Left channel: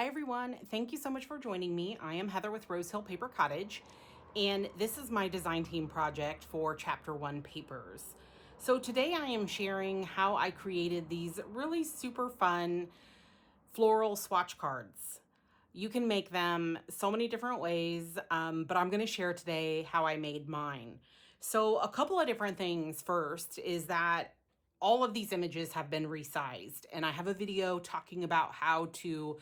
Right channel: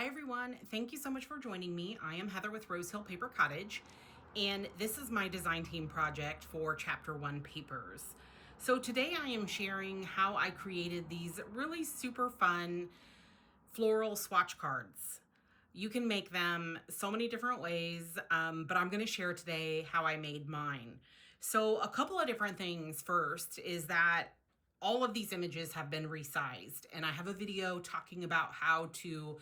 Hi everyone, thank you so much for joining me. I am Heather with Rose Hill Paper Cottage, and this is my design team project for Chapter 1 papers. So today I am sharing how I created these really super fun floral swatch cards. You can make them so many different ways, but I'm going to share today how I made mine. So a couple of different things. First is that all of these images have been resized, and I have a video talking about how to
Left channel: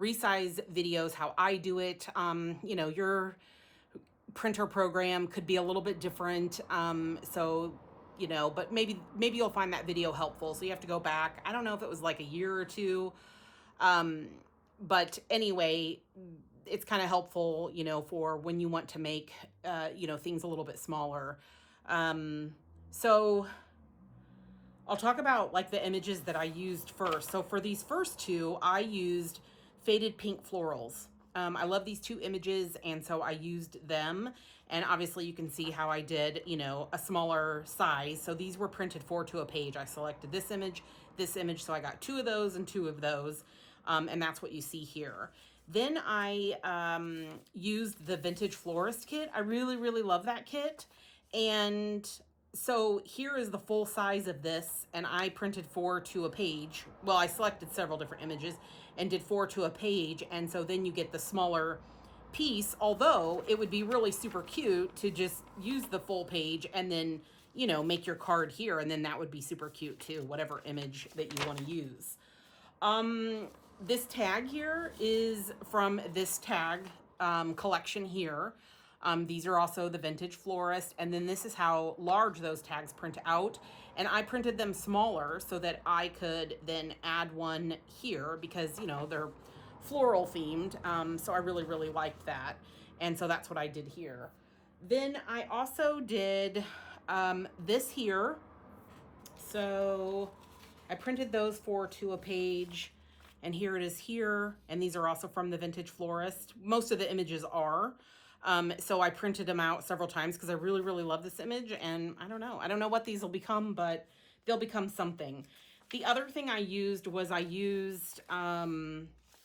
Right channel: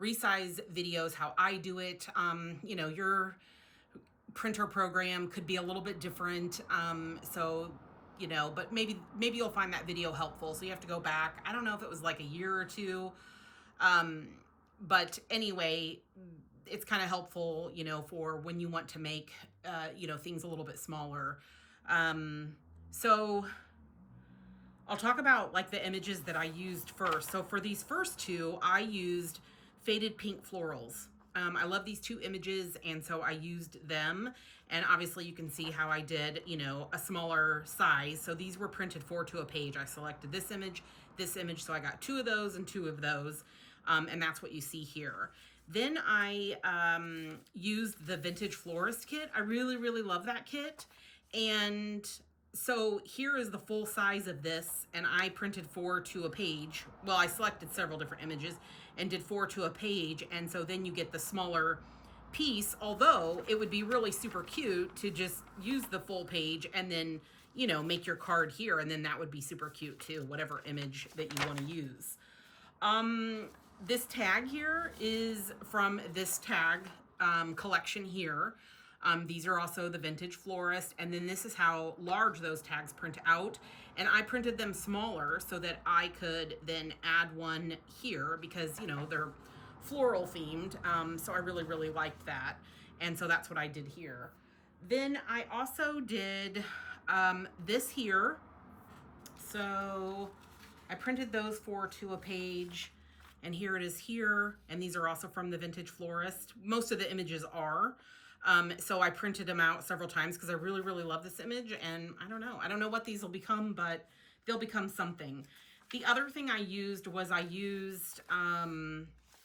resize videos, how I do it. Your printer program could be a little bit different. But maybe you'll find that video helpful. So you have to go back. I don't know if it was like a year or two. But anyway, it's kind of helpful, for when you want to make, things a little bit smaller. So I'll talk about like the images that I used first. So for these first two, I used faded pink florals. I love these two images, and so I used them. And obviously you can see how I did, a smaller size. So these were printed 4 to a page. I selected this image, so I got 2 of those and 2 of those. And that's what you see here. Then I used the Vintage Florist kit. I really, really love that kit. And so here is the full size of this, and I printed 4 to a page. Well, I selected several different images and did 4 to a page, and so then you get the smaller piece, although it would be really super cute to just use the full page and then, make your card here, and then that would be super cute too, whatever image that you want to use. This tag here is from this tag collection here. These are also the Vintage Florist, and then this is how large those tags print out. And I printed them smaller so that I could then add one here because, they're floral themed. So I really, really liked that. And so that's what I did here. Then I also did this here. So I printed those 4 to a page, and here it is here. And these are also from the Vintage Florist. Most of the images are. So I printed them out several times because I really, really love this image, and I don't know what these will become, but they'll become something. The other thing I used was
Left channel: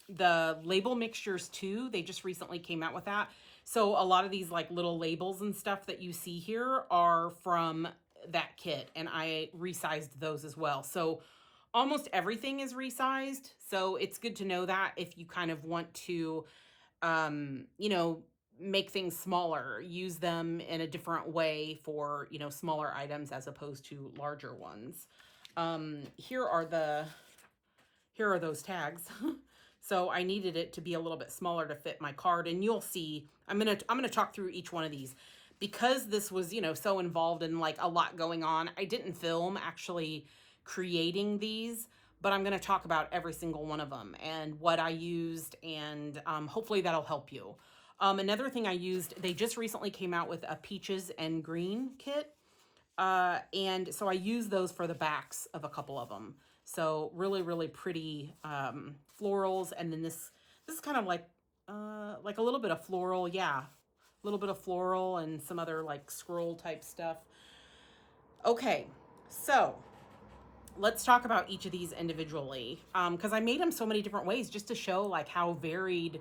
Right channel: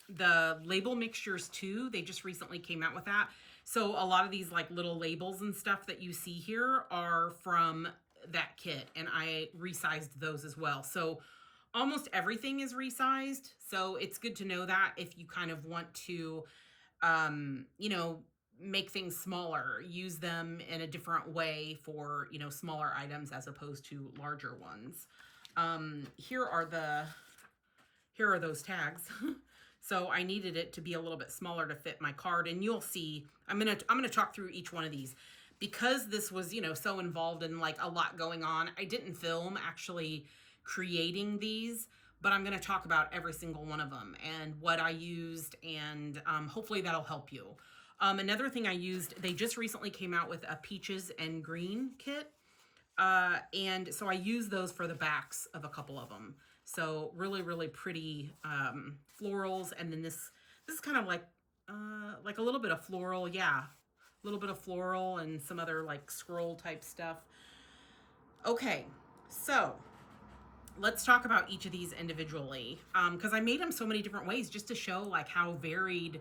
the label mixtures too. They just recently came out with that. So a lot of these like little labels and stuff that you see here are from that kit, and I resized those as well. So almost everything is resized. So it's good to know that if you kind of want to, make things smaller, use them in a different way for, smaller items as opposed to larger ones. Here are those tags. So I needed it to be a little bit smaller to fit my card, and you'll see, I'm going to talk through each one of these because this was, so involved in like a lot going on. I didn't film actually creating these, but I'm going to talk about every single one of them and what I used, and hopefully that'll help you. Another thing I used, they just recently came out with a peaches and green kit. And so I used those for the backs of a couple of them. So really, really pretty florals. And then this is kind of like a little bit of floral. Yeah, a little bit of floral and some other like scroll type stuff. Okay, so let's talk about each of these individually. Because I made them so many different ways just to show like how varied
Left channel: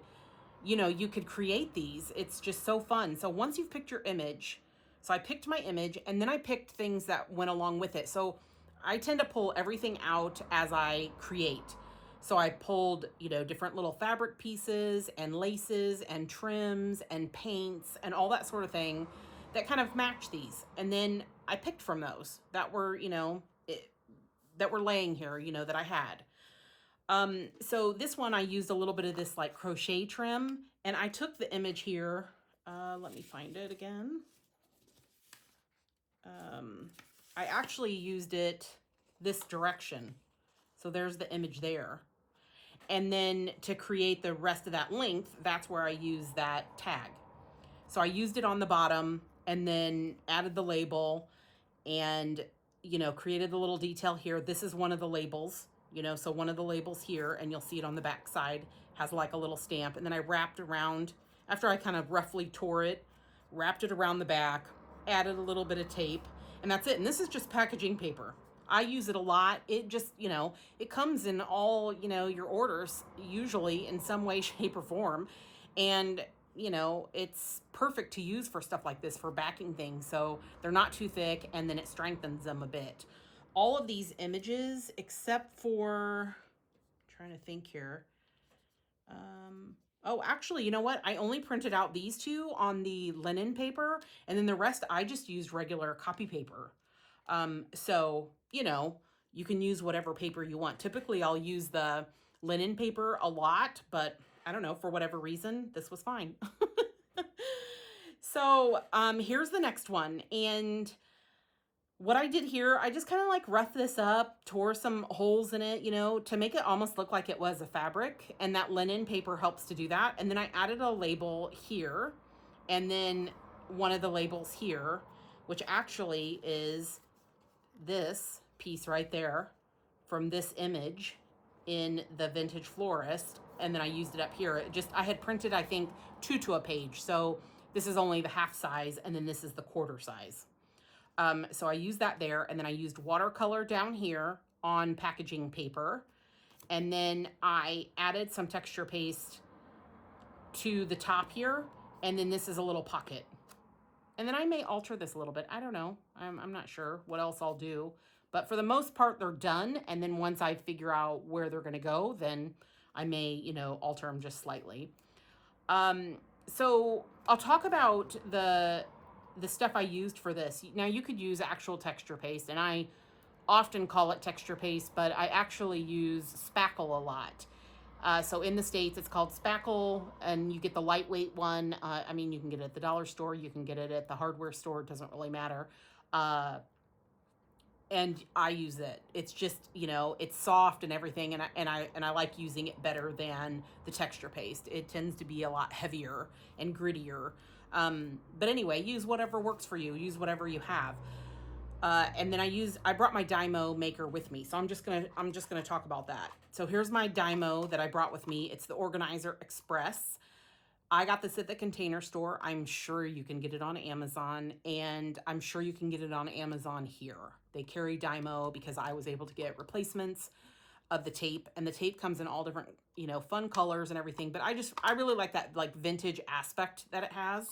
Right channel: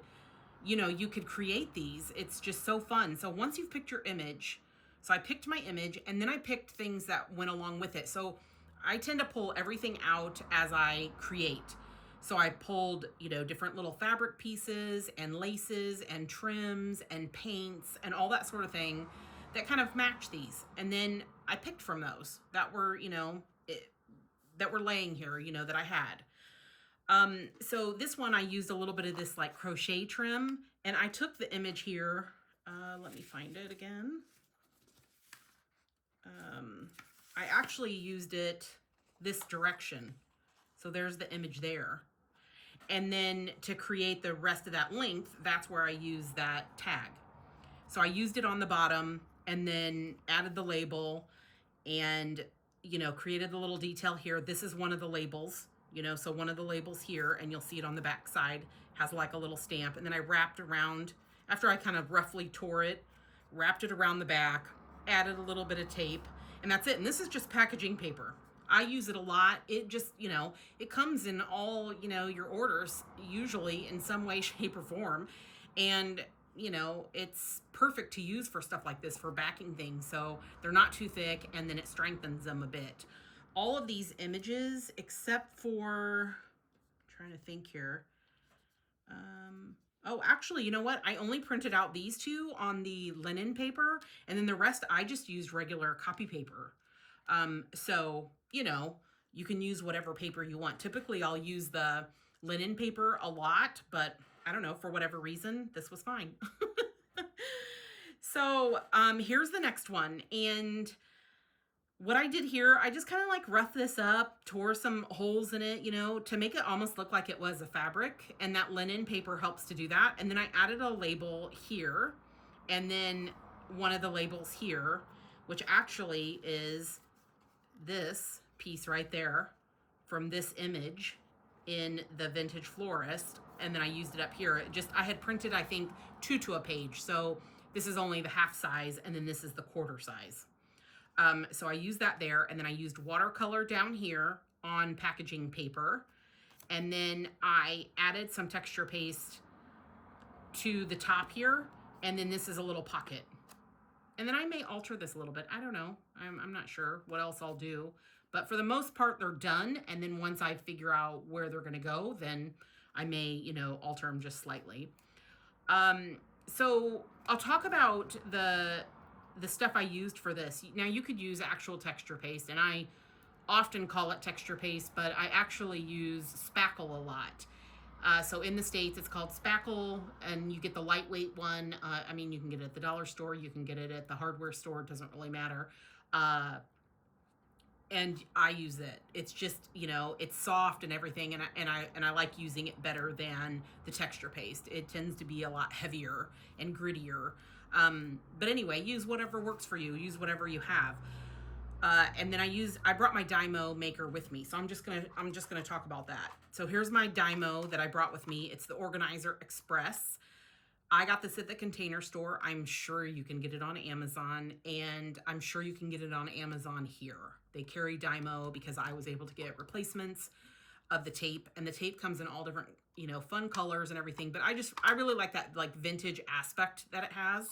you could create these. It's just so fun. So once you've picked your image, so I picked my image and then I picked things that went along with it. So I tend to pull everything out as I create. So I pulled, different little fabric pieces and laces and trims and paints and all that sort of thing that kind of match these. And then I picked from those that were, that were laying here, that I had. So this one, I used a little bit of this like crochet trim, and I took the image here. Let me find it again. I actually used it this direction. So there's the image there. And then to create the rest of that length, that's where I used that tag. So I used it on the bottom and then added the label and, created the little detail here. This is one of the labels. So one of the labels here, and you'll see it on the back side, has like a little stamp. And then I wrapped around, after I kind of roughly tore it, wrapped it around the back, added a little bit of tape, and that's it. And this is just packaging paper. I use it a lot. It just, you know, it comes in all, you know, your orders, usually in some way, shape, or form. And, you know, it's perfect to use for stuff like this, for backing things. So they're not too thick, and then it strengthens them a bit. All of these images, except for, I'm trying to think here. Oh, actually, you know what? I only printed out these two on the linen paper, and then the rest I just used regular copy paper. So, you know, you can use whatever paper you want. Typically, I'll use the linen paper a lot, but I don't know, for whatever reason, this was fine. So, here's the next one. And what I did here, I just kind of like roughed this up, tore some holes in it, you know, to make it almost look like it was a fabric. And that linen paper helps to do that. And then I added a label here, and then one of the labels here, which actually is this piece right there from this image in the Vintage Florist. And then I used it up here. It just, I had printed, I think, 2 to a page. So this is only the half size, and then this is the quarter size. So I used that there, and then I used watercolor down here on packaging paper. And then I added some texture paste to the top here, and then this is a little pocket. And then I may alter this a little bit. I don't know. I'm not sure what else I'll do. But for the most part, they're done. And then once I figure out where they're going to go, then I may, you know, alter them just slightly. So I'll talk about the stuff I used for this. Now, you could use actual texture paste, and I often call it texture paste, but I actually use spackle a lot. So in the States, it's called spackle, and you get the lightweight one. I mean, you can get it at the dollar store, you can get it at the hardware store, it doesn't really matter. And I use it. It's just, you know, it's soft and everything, and I like using it better than the texture paste. It tends to be a lot heavier and grittier. But anyway, use whatever works for you. Use whatever you have. And then I brought my Dymo maker with me, so I'm just gonna talk about that. So here's my Dymo that I brought with me. It's the Organizer Express. I got this at the Container Store. I'm sure you can get it on Amazon, and I'm sure you can get it on Amazon here. They carry Dymo because I was able to get replacements of the tape, and the tape comes in all different, you know, fun colors and everything. But I really like that like vintage aspect that it has.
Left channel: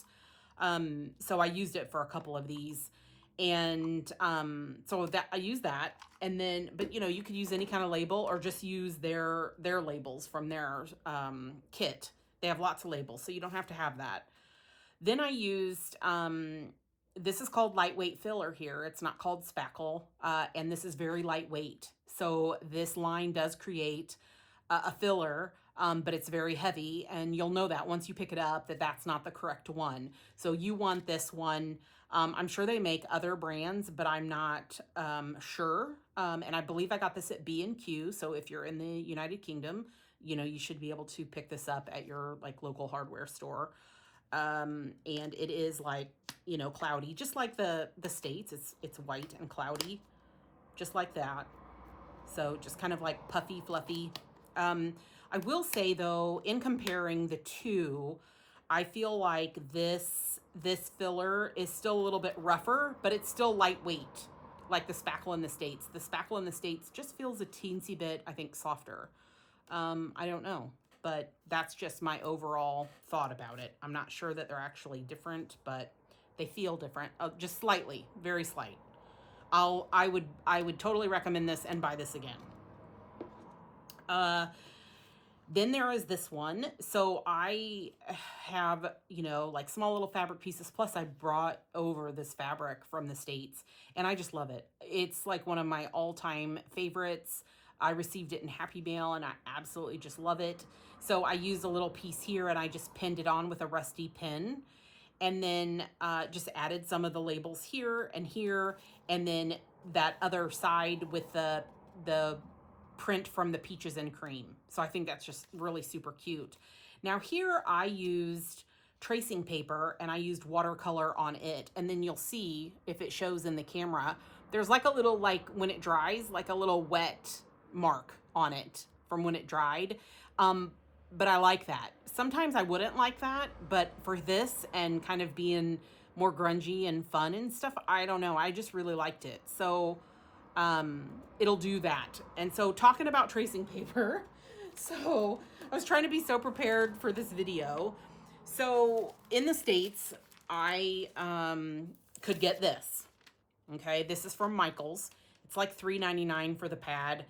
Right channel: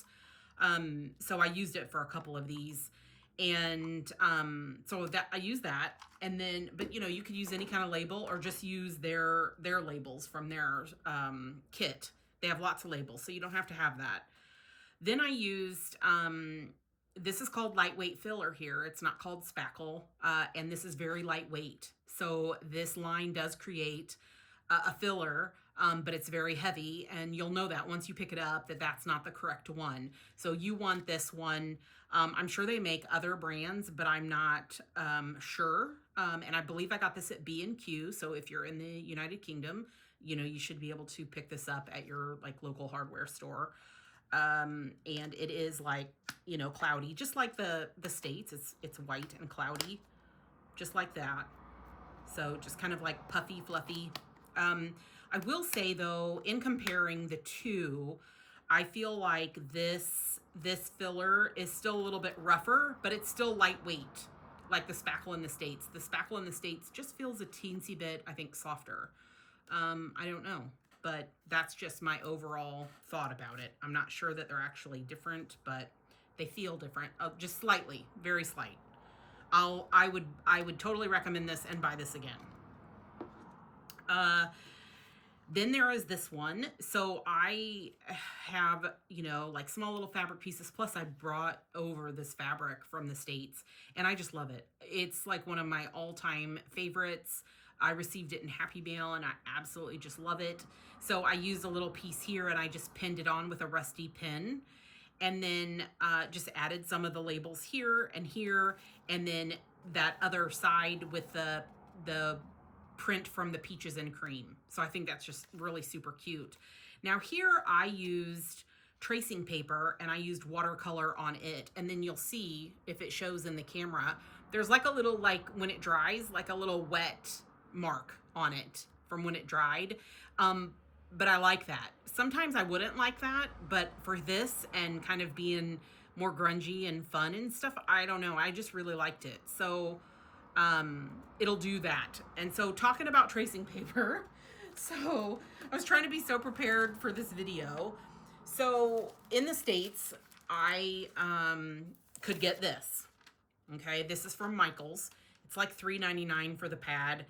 So I used it for a couple of these, and so that I used that, and then, but you know, you could use any kind of label or just use their labels from their kit. They have lots of labels, so you don't have to have that. Then I used, this is called lightweight filler here. It's not called spackle, and this is very lightweight. So this line does create a filler, but it's very heavy, and you'll know that once you pick it up that that's not the correct one. So you want this one. I'm sure they make other brands, but I'm not sure. And I believe I got this at B&Q. So if you're in the United Kingdom, you know, you should be able to pick this up at your like local hardware store. And it is like, you know, cloudy, just like the States. It's white and cloudy, just like that. So just kind of like puffy, fluffy. I will say though, in comparing the two, I feel like this filler is still a little bit rougher, but it's still lightweight, like the spackle in the States. The spackle in the States just feels a teensy bit, I think, softer. I don't know, but that's just my overall thought about it. I'm not sure that they're actually different, but they feel different, just slightly, very slight. I would totally recommend this and buy this again. Then there is this one. So I have, you know, like small little fabric pieces. Plus I brought over this fabric from the States, and I just love it. It's like one of my all-time favorites. I received it in Happy Mail, and I absolutely just love it. So I used a little piece here, and I just pinned it on with a rusty pin, and then just added some of the labels here, and then that other side with the print from the peaches and cream. So I think that's just really super cute. Now here I used tracing paper, and I used watercolor on it, and then you'll see if it shows in the camera, there's like a little, like when it dries, like a little wet mark on it from when it dried. But I like that. Sometimes I wouldn't like that, but for this and kind of being more grungy and fun and stuff, I don't know, I just really liked it. So it'll do that. And so talking about tracing paper, so I was trying to be so prepared for this video. So in the States, I could get this. Okay, this is from Michael's. It's like $3.99 for the pad.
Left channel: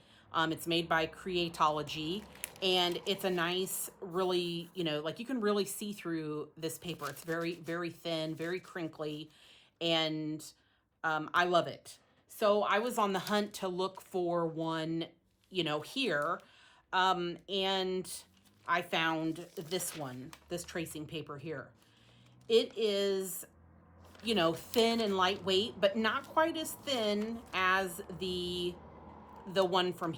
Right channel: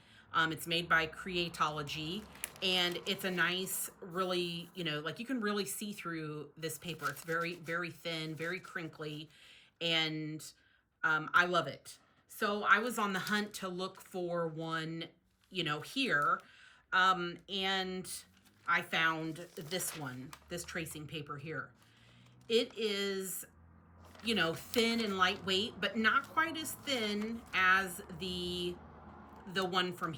It's made by Creatology, and it's a nice, really, you know, like you can really see through this paper. It's very, very thin, very crinkly, and I love it. So I was on the hunt to look for one, you know, here, and I found this one, this tracing paper here. It is, you know, thin and lightweight, but not quite as thin as the one from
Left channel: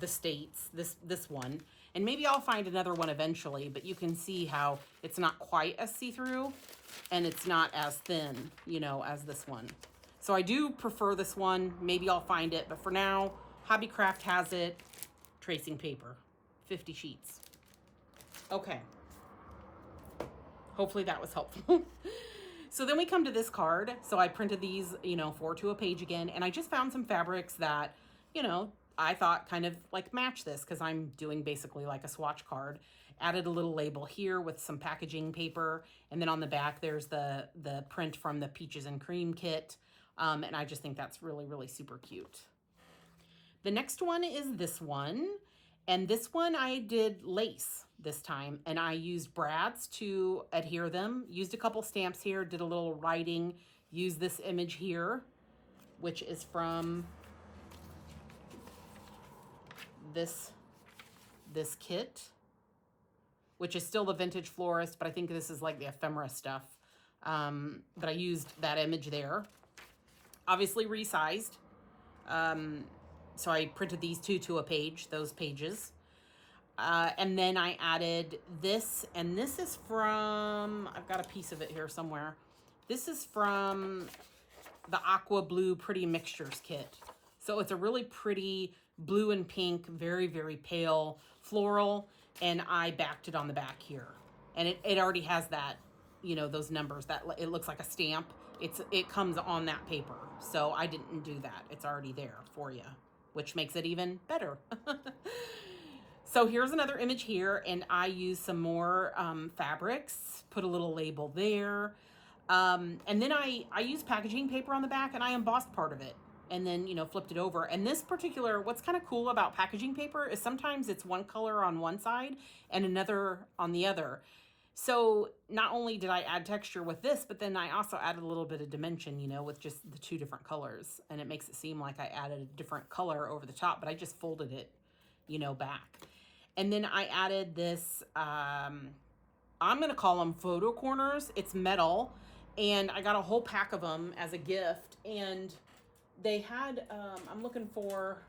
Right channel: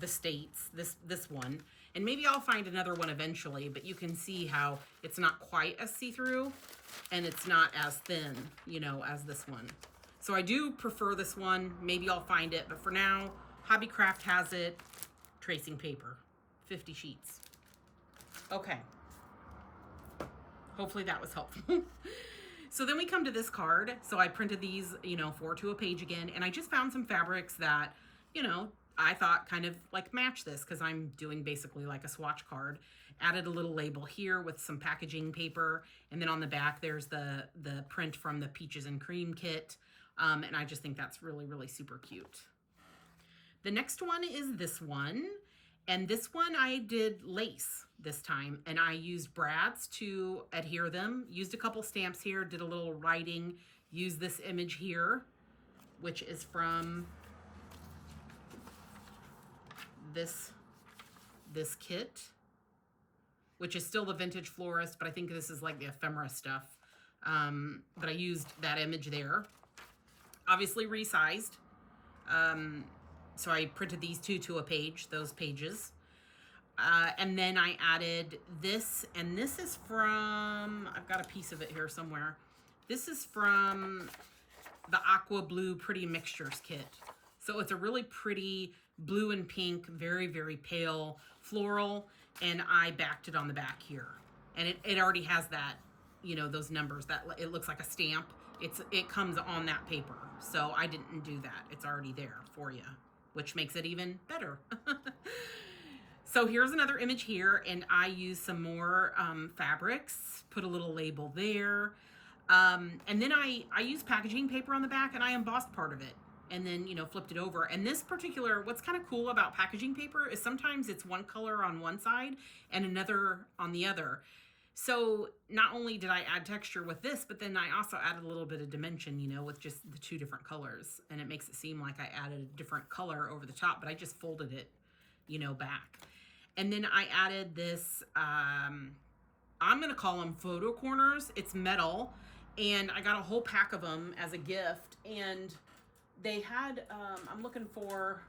the States, this one. And maybe I'll find another one eventually, but you can see how it's not quite as see-through and it's not as thin, you know, as this one. So I do prefer this one. Maybe I'll find it, but for now, Hobbycraft has it. Tracing paper, 50 sheets. Okay. Hopefully that was helpful. So then we come to this card. So I printed these, you know, 4 to a page again, and I just found some fabrics that, you know, I thought kind of like match this because I'm doing basically like a swatch card. Added a little label here with some packaging paper, and then on the back there's the print from the Peaches and Cream kit, and I just think that's really, really super cute. The next one is this one. And this one I did lace this time, and I used brads to adhere them. Used a couple stamps here, did a little writing, used this image here, which is from this kit, which is still the Vintage Florist, but I think this is like the ephemera stuff. But I used that image there. Obviously resized. So I printed these 2 to a page, those pages. And then I added this, and this is from, I've got a piece of it here somewhere. This is from the Aqua Blue Pretty Mixtures kit. So it's a really pretty blue and pink, very, very pale floral, and I backed it on the back here. And it already has that, you know, those numbers, that it looks like a stamp. It comes on that paper. So I didn't do that. It's already there for you, which makes it even better. So here's another image here, and I used some more fabrics, put a little label there. And then I used packaging paper on the back, and I embossed part of it, and then, you know, flipped it over. And this particular, what's kind of cool about packaging paper is sometimes it's one color on one side and another on the other. So not only did I add texture with this, but then I also added a little bit of dimension, you know, with just the 2 different colors. And it makes it seem like I added a different color over the top, but I just folded it, you know, back. And then I added this, I'm going to call them photo corners. It's metal, and I got a whole pack of them as a gift. And they had, I'm looking for,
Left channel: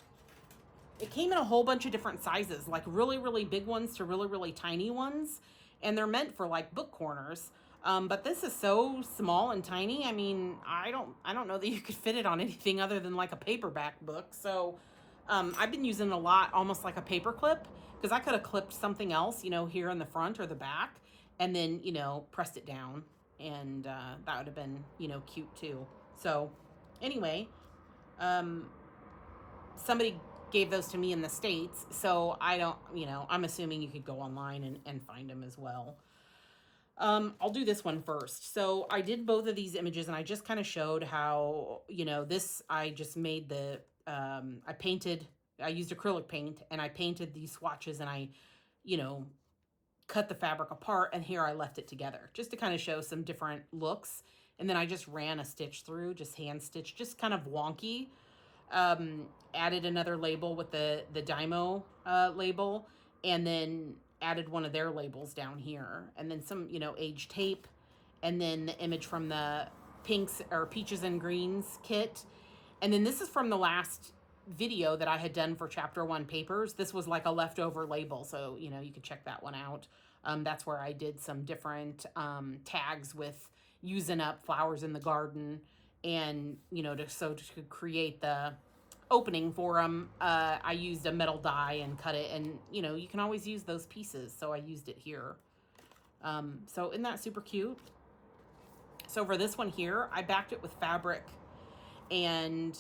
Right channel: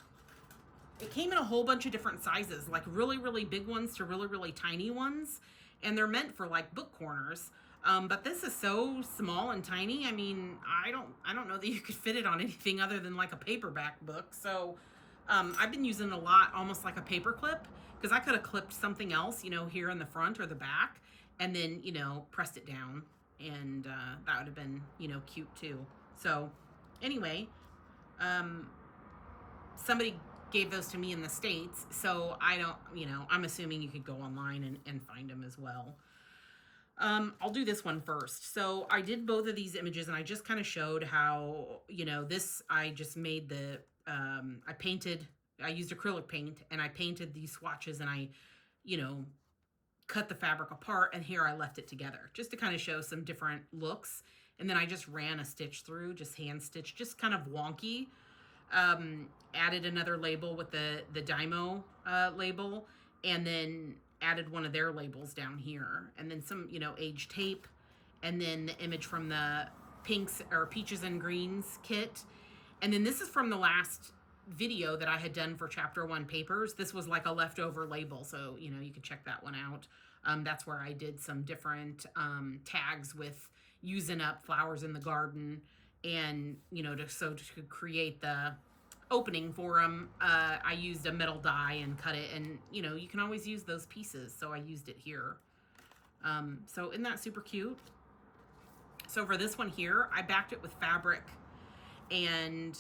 it came in a whole bunch of different sizes, like really, really big ones to really, really tiny ones. And they're meant for like book corners. But this is so small and tiny. I mean, I don't know that you could fit it on anything other than like a paperback book. So I've been using it a lot, almost like a paper clip, because I could have clipped something else, you know, here in the front or the back, and then, you know, pressed it down, and that would have been, you know, cute too. So anyway, somebody gave those to me in the States, so I don't, you know, I'm assuming you could go online and find them as well. I'll do this one first. So I did both of these images, and I just kind of showed how, you know, this, I just made the, I used acrylic paint, and I painted these swatches, and I, you know, cut the fabric apart, and here I left it together just to kind of show some different looks. And then I just ran a stitch through, just hand stitch, just kind of wonky. Added another label with the Dymo label, and then added one of their labels down here, and then some, you know, age tape, and then the image from the pinks or peaches and greens kit. And then this is from the last video that I had done for chapter 1 papers. This was like a leftover label, so, you know, you could check that one out. That's where I did some different tags with using up flowers in the garden, and, you know, to create the opening for them, I used a metal die and cut it, and, you know, you can always use those pieces, so I used it here. So isn't that super cute? So for this one here, I backed it with fabric, and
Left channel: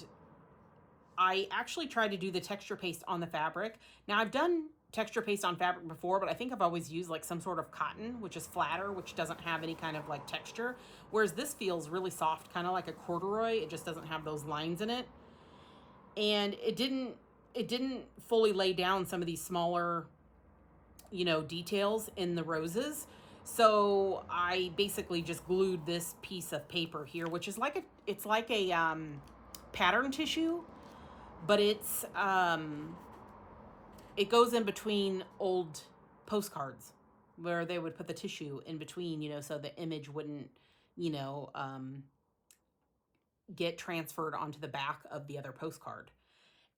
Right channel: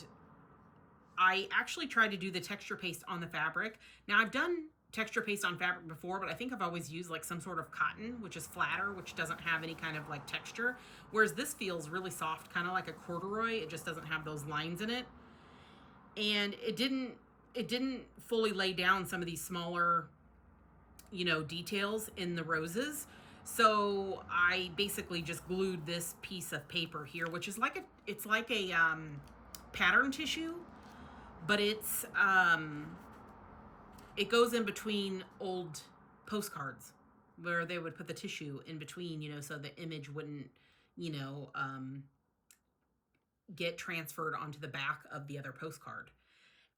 I actually tried to do the texture paste on the fabric. Now I've done texture paste on fabric before, but I think I've always used like some sort of cotton, which is flatter, which doesn't have any kind of like texture. Whereas this feels really soft, kind of like a corduroy. It just doesn't have those lines in it. And it didn't fully lay down some of these smaller, you know, details in the roses. So I basically just glued this piece of paper here, which is like it's like a pattern tissue, but it goes in between old postcards where they would put the tissue in between, you know, so the image wouldn't, you know, get transferred onto the back of the other postcard.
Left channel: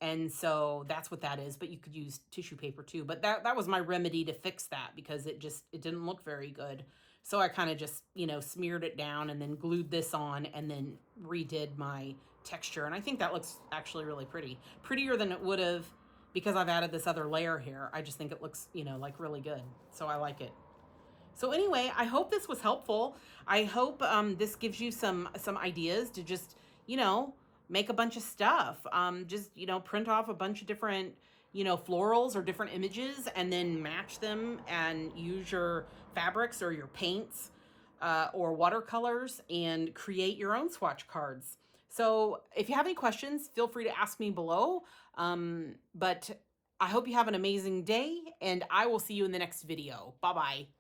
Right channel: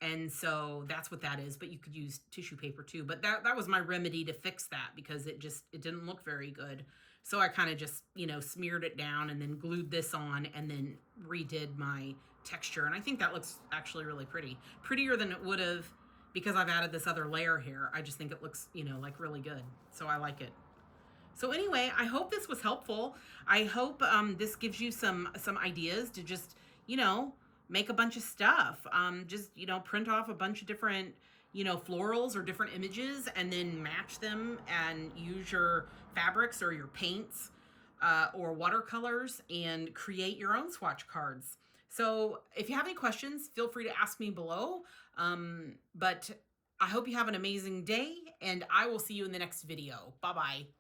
And so that's what that is, but you could use tissue paper too. But that was my remedy to fix that, because it didn't look very good. So I kind of just, you know, smeared it down and then glued this on and then redid my texture. And I think that looks actually really pretty. Prettier than it would have because I've added this other layer here. I just think it looks, you know, like really good. So I like it. So anyway, I hope this was helpful. I hope this gives you some ideas to just, you know, make a bunch of stuff. Just, you know, print off a bunch of different, you know, florals or different images and then match them and use your fabrics or your paints or watercolors and create your own swatch cards. So if you have any questions, feel free to ask me below. But I hope you have an amazing day, and I will see you in the next video. Bye-bye.